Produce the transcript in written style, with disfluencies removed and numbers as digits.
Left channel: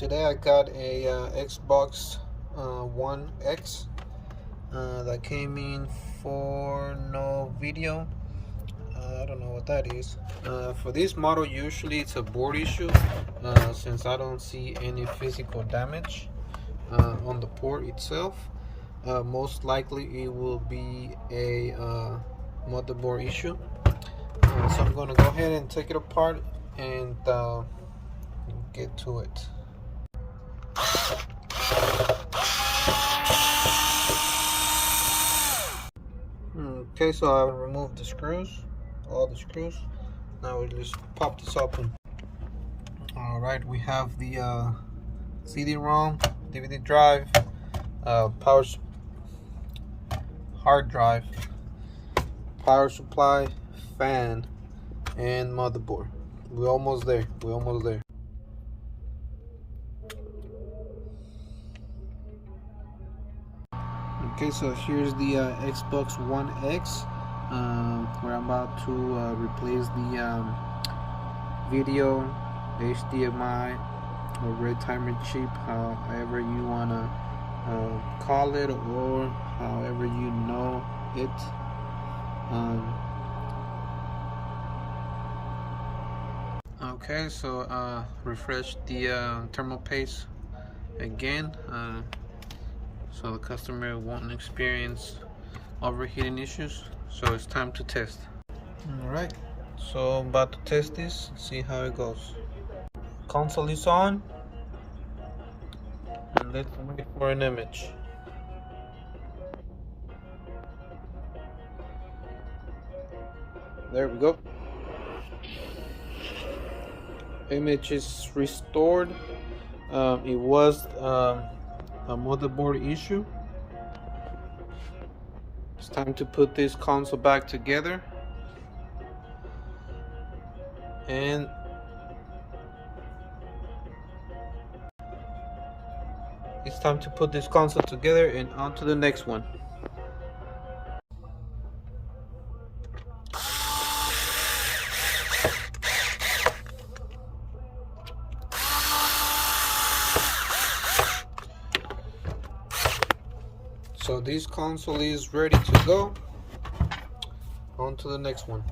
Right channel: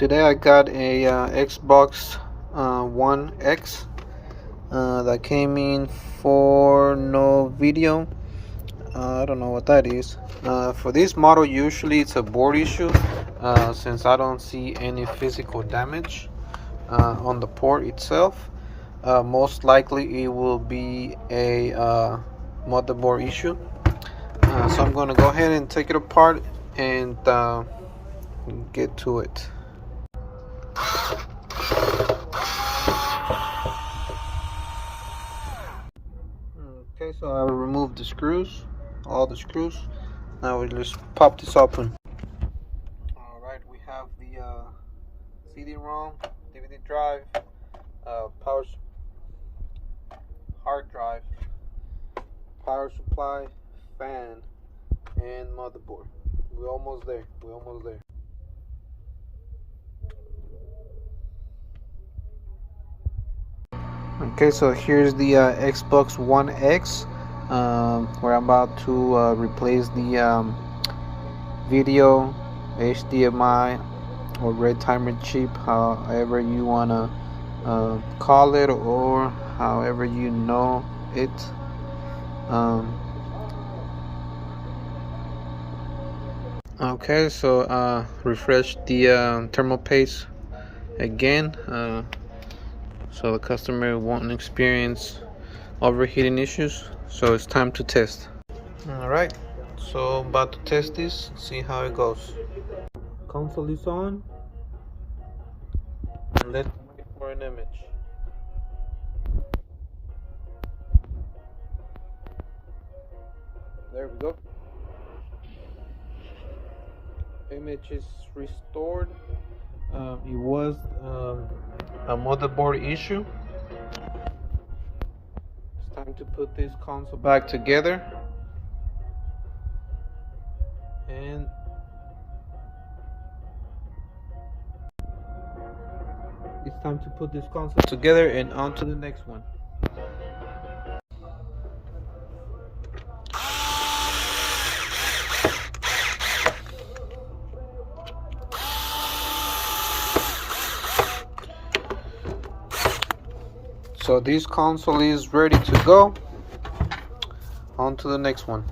Today I got a Xbox One X that came in for no video. I don't know what that is. For this model, usually it's a board issue, since I don't see any physical damage on the port itself. Most likely it will be a motherboard issue. So I'm going to go ahead and take it apart and get to it. Okay, so I removed the screws, all the screws. Now we just pop this open. Alright, we have the CD-ROM, DVD drive, hard drive, power supply, fan, and motherboard. We're almost there. Okay, so here's the Xbox One X, where I'm about to replace the video hdmi or red timer chip, however you want to call it, or however you know it. Okay, so refresh the thermal paste again, so the customer won't experience overheating issues. So it's time to test. Alright, so I'm about to test this, see how it goes. Console is on, and let's wait for an image. There we go. Image is restored. It was a motherboard issue. It's time to put this console back together, and it's time to put this console together and on to the next one. So this console is ready to go. On to the next one.